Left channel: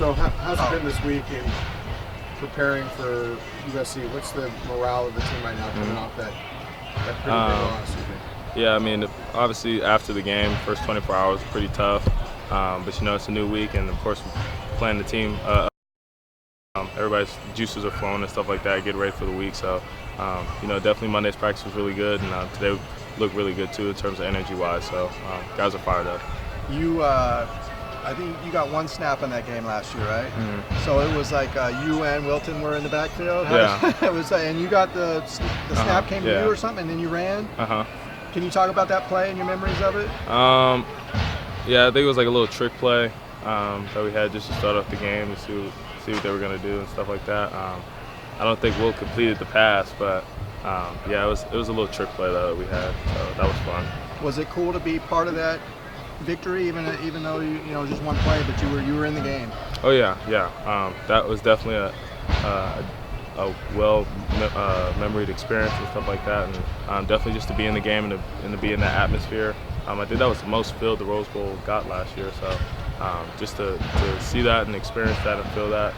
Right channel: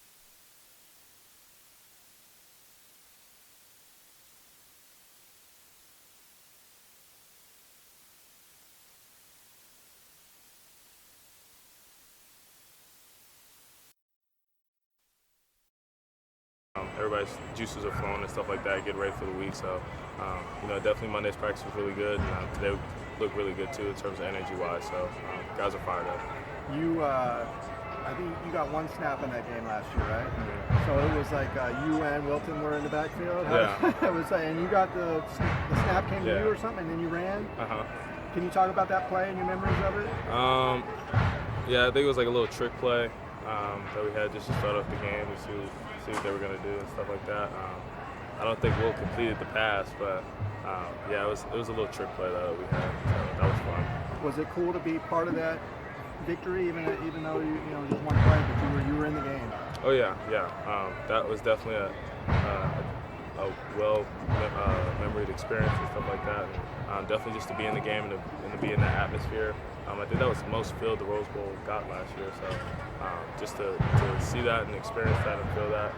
So how's it been this week in preparing for USC? What's the morale of the team right now coming off that pretty big loss, you think? Yeah, I mean, obviously after the game, first 24 hours pretty tough. But you know, it's a new week, and of course, playing the team, everybody's juices are flowing and stuff like that. Get ready for the week. So, you know, definitely Monday's practice was really good, and today looked really good too in terms of energy-wise. So, guys are fired up. I think you got one snap in that game last year, right? Mm-hmm. So it was like you and Wilton were in the backfield. Yeah. It was, and you got the snap came to you or something, and then you ran. Can you talk about that play and your memories of it? Yeah, I think it was like a little trick play that we had just to start off the game to see what they were gonna do and stuff like that. I don't think Will completed the pass, but yeah, it was a little trick play that we had, so that was fun. Was it cool to be part of that victory, even though you know just one play, but you were in the game? Oh yeah. That was definitely a well memoried experience and stuff like that, and definitely just to be in the game and to be in that atmosphere. I think that was the most filled the Rose Bowl got last year, so just to see that and experience that and feel that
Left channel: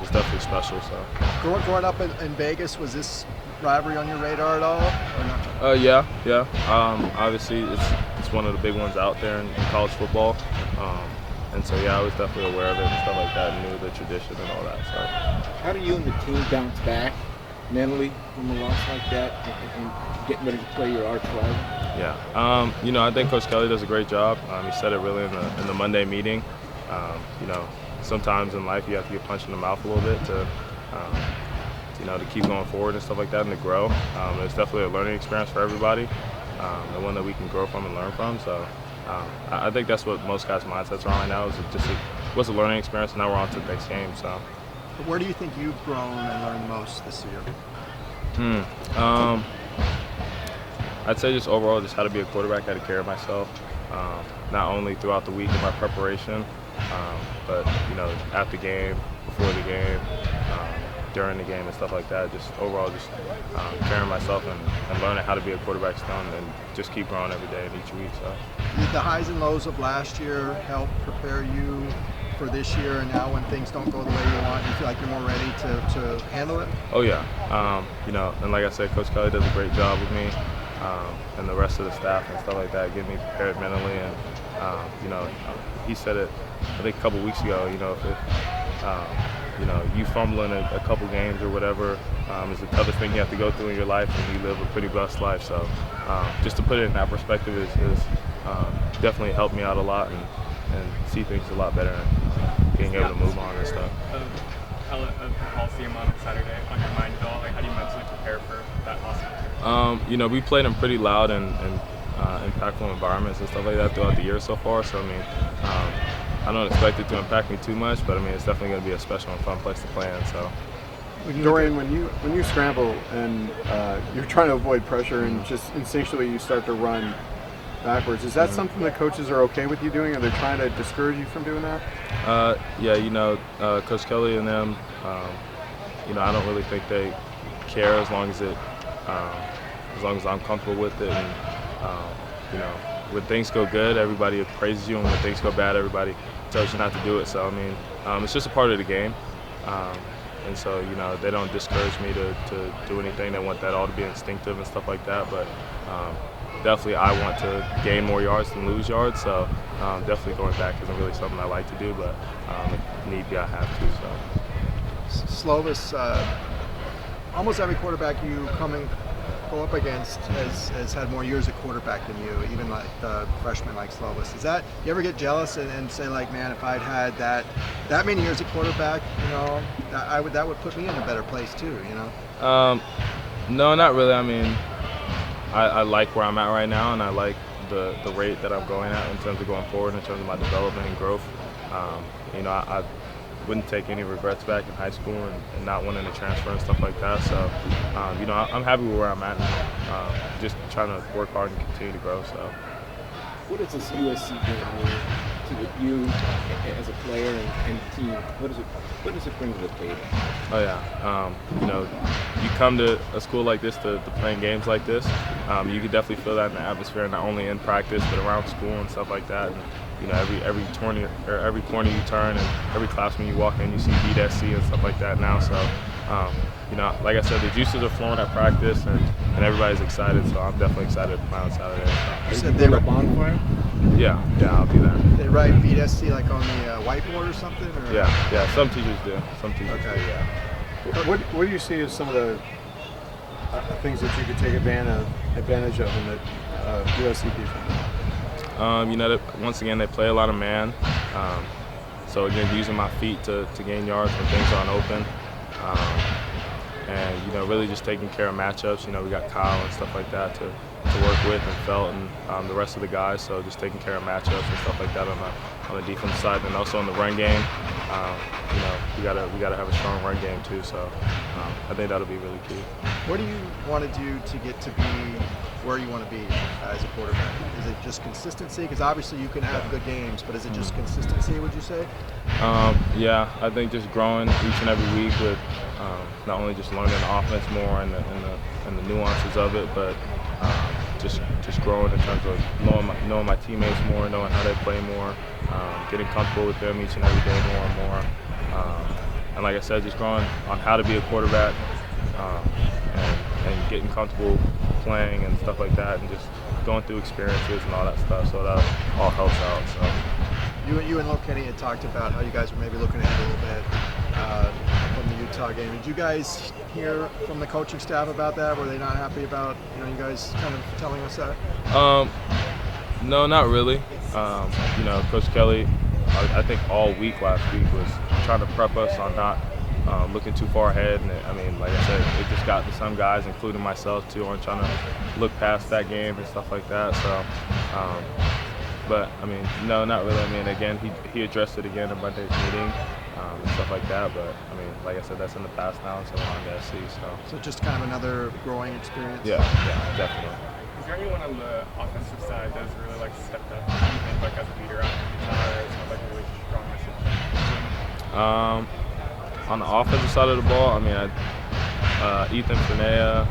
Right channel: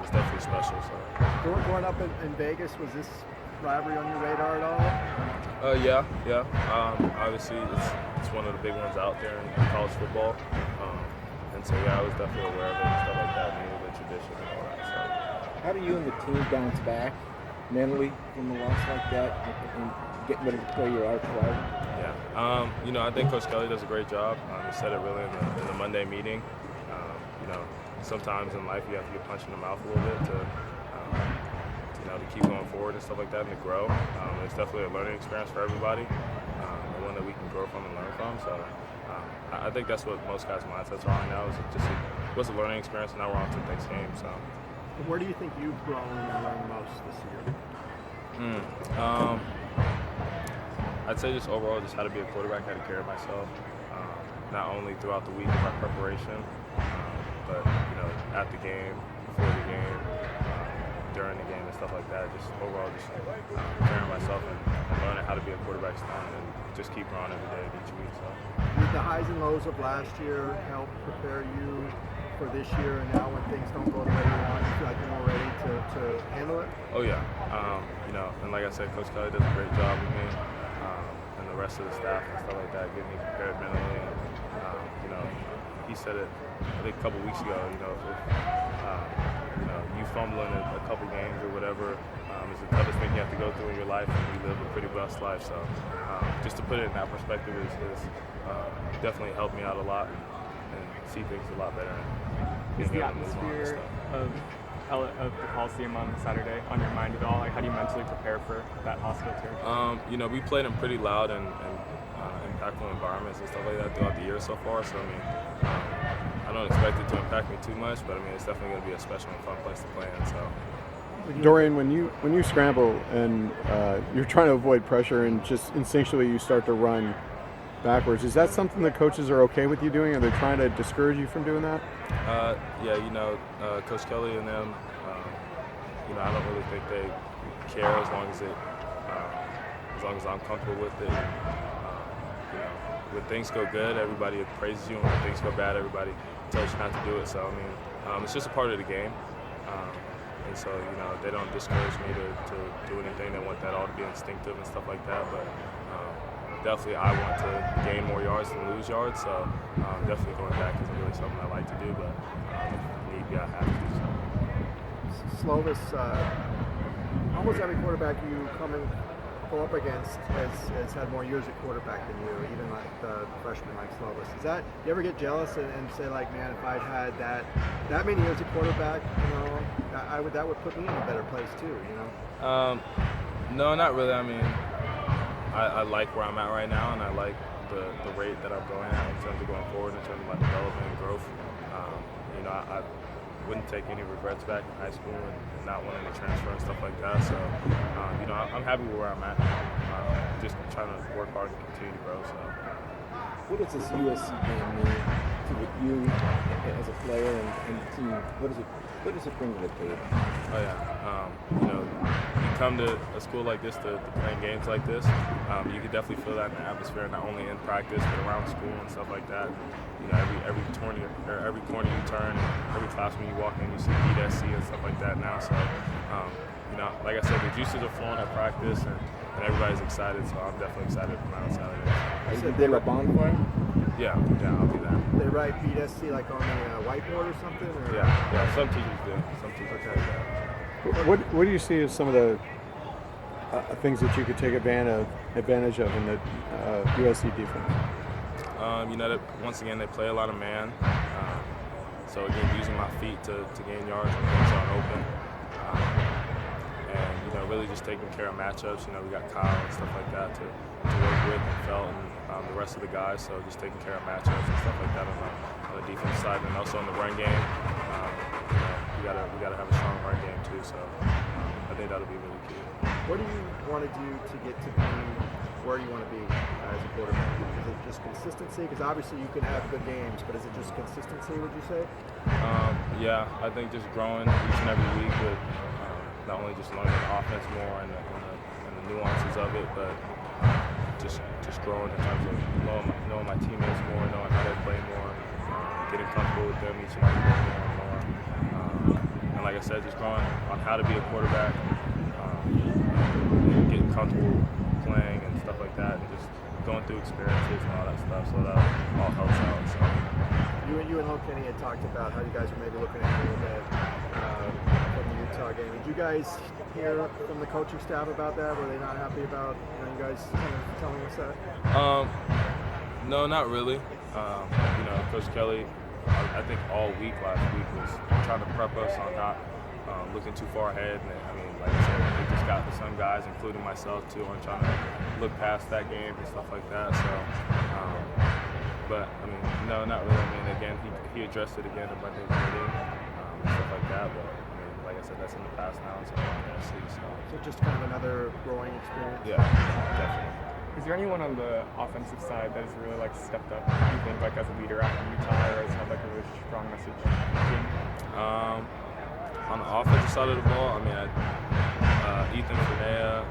was definitely special. So growing up in Vegas, was this rivalry on your radar at all? Or not? Yeah. Obviously, it's one of the big ones out there in college football, and so yeah, I was definitely aware of it and stuff like that, and knew the tradition and all that stuff. How do you and the team bounce back mentally from a loss like that and getting ready to play your arch rival? Yeah, you know, I think Coach Kelly does a great job. He said it really in the Monday meeting. You know, sometimes in life you have to get punched in the mouth a little bit to you know, to keep going forward and stuff like that and to grow. It's definitely a learning experience for everybody, and one that we can grow from and learn from. So I think that's what most guys' mindsets are on right now. Is it just was a learning experience, and now we're on to the next game. So, where do you think you've grown and learned most this year? I'd say just overall, just how to be a quarterback, how to carry myself, not only throughout the week in my preparation, but you know, at the game, before the game, during the game and stuff like that. Just overall, just carrying myself and learning how to be a quarterback still, and just keep growing every day and each week. So, did the highs and lows of last year help prepare you for this year? And now, when things don't go the way you want, you feel like you're more ready to handle it? Oh yeah, you know, and like I said, Coach Kelly does a great job with me, and the rest of the staff and stuff like that, getting me prepared mentally. And you know, he said it, I think a couple weeks ago. You know, you know, you fumbling a couple games or whatever is the toughest thing you have to go through in your life, and you live a pretty blessed life. So just to put it in that perspective is definitely helped me out a lot and see things a lot better and being able to move on and stuff. Of Coliseum on Saturday on your mind at all? Like, how do you mentally prepare for that hostile tour? You know, we played in pretty loud and impactful environments and stuff like that throughout the year so far. So I mean, I don't expect it to impact me too much, but I mean, it's definitely going to be a special and fun place to play in. So, Dorian, when you scramble and you're trying to avoid pressure and just instinctually you start to run backwards, is that something that coaches are okay with you doing? Are they trying to discourage you from doing that? Yeah, you know, Coach Kelly and them, you know, I don't really think they care as long as I'm comfortable with it. And you know, when things go good, everybody praises you, and when things go bad, everybody tells you not to do it. So I mean, it's just a part of the game, and so you know, they don't discourage me to do anything. They want that all to be instinctive and stuff like that. But definitely, I want to gain more yards than lose yards. So definitely going back isn't really something I like to do, but if need be, I have to. So. Slovis, almost every quarterback you go up against has had more years at quarterback than you, even like the freshman like Slovis. Is that, you ever get jealous and say like, man, if I'd had that many years at quarterback, you know, that would put me in a better place too, you know? No, not really. I mean, I like where I'm at right now, and I like the rate that I'm going at in terms of going forward, in terms of my development and growth. You know, I wouldn't take any regrets back in high school and not wanting to transfer and stuff like that. So, you know, I'm happy with where I'm at now. Just trying to work hard and continue to grow. So. What does this USC mean to you as a player and a team? What does it bring to the table? Oh yeah, you know, you come to a school like this to playing games like this, you can definitely feel that in the atmosphere, not only in practice but around school and stuff like that. And, you know, every corner you turn and every classroom you walk in, you see BSC and stuff like that now. So, you know, like I said, the juices are flowing at practice, and everybody's excited. So I'm definitely excited to play on Saturday. You said they were bonfire. Yeah, I'll be there. They write BSC like on the whiteboard or something? Or? Yeah. Some teachers do. Some teachers Okay. do, yeah. What do you see as some of the things that you can take advantage of in the USC? You know, once again, they play a lot of man. So again, using my feet to gain yards when things aren't open. And, you know, really just taking care of matchups. You know, we got Kyle and stuff like that to work with, and Felt and the rest of the guys. So just taking care of matchups and stuff like that on the defense side, and also in the run game. You know, we gotta have a strong run game too. So I think that'll be really key. What do you want to do to get to be where you want to be as a quarterback? Is it just consistency? Because obviously you can have good games, but is it just consistency, would you say? Yeah, I think just growing each and every week with not only just learning the offense more and the nuances of it, but just growing in terms of knowing my teammates more, knowing how they play more, getting comfortable with them each and every day more and more. And like I said, just growing on how to be a quarterback, and getting comfortable playing and stuff like that, and just going through experiences and all that stuff. So that all helps out. So. You and Lil Kenny had talked about how you guys were maybe looking ahead a little bit from the Utah game. Did you guys hear from the coaching staff about that? Were they not happy about you guys kind of telling us that? No, not really. You know, Coach Kelly, I think all week last week was trying to prep us on not looking too far ahead. And I mean, like I said, it just got to some guys, including myself too, on trying to look past that game and stuff like that. So. But I mean, no, not really. I mean, again, he addressed it again in Monday's meeting, and stuff like that. But I mean, like I said, that's in the past now, so I'm on the SC. So just kind of another growing experience. Yeah, definitely. Is there anyone on the offensive side that's really like stepped up, maybe like as a leader after Utah, or it sounds like a really strong message? On the offensive side of the ball, I mean, Ethan Finea,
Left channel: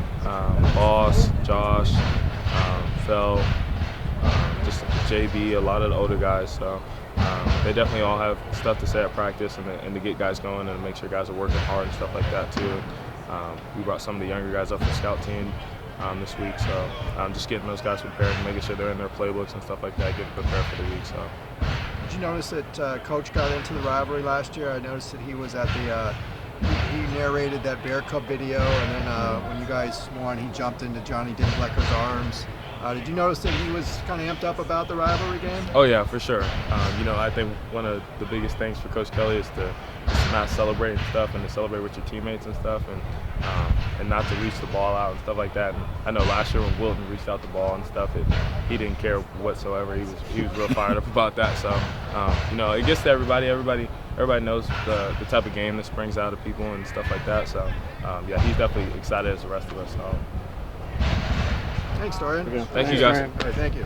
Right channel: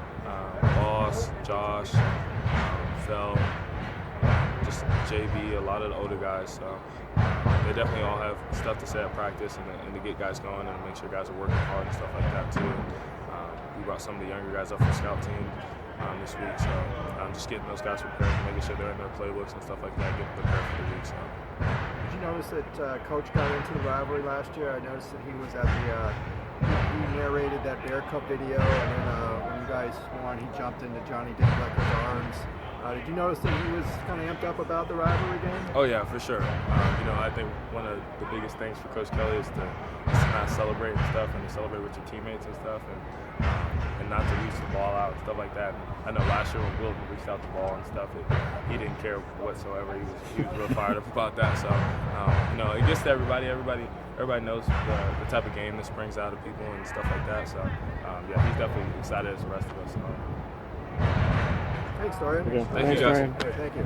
Boss, Josh, Phil. Just JB, a lot of the older guys, so they definitely all have stuff to say at practice and to get guys going and make sure guys are working hard and stuff like that too. We brought some of the younger guys up for the scout team this week, so just getting those guys prepared and making sure they're in their playbooks and stuff like that, getting prepared for the week. So. Did you notice that Coach got into the rivalry last year? I noticed that he was at he narrated that Bear Cup video, and then when you guys won, he jumped into Johnny Dinklecker's arms. Did you notice that he was kind of amped up about the rivalry game? Oh yeah, for sure. You know, I think one of the biggest things for Coach Kelly is to not celebrate and stuff, and to celebrate with your teammates and stuff, and not to reach the ball out and stuff like that. And I know last year when Wilton reached out the ball and stuff, he didn't care whatsoever. He was real fired up about that. So you know, it gets to everybody. Everybody knows the type of game this brings out of people and stuff like that. So yeah, he's definitely excited as the rest of us. So. Thanks, Dorian. Thank you, guys. Thank you.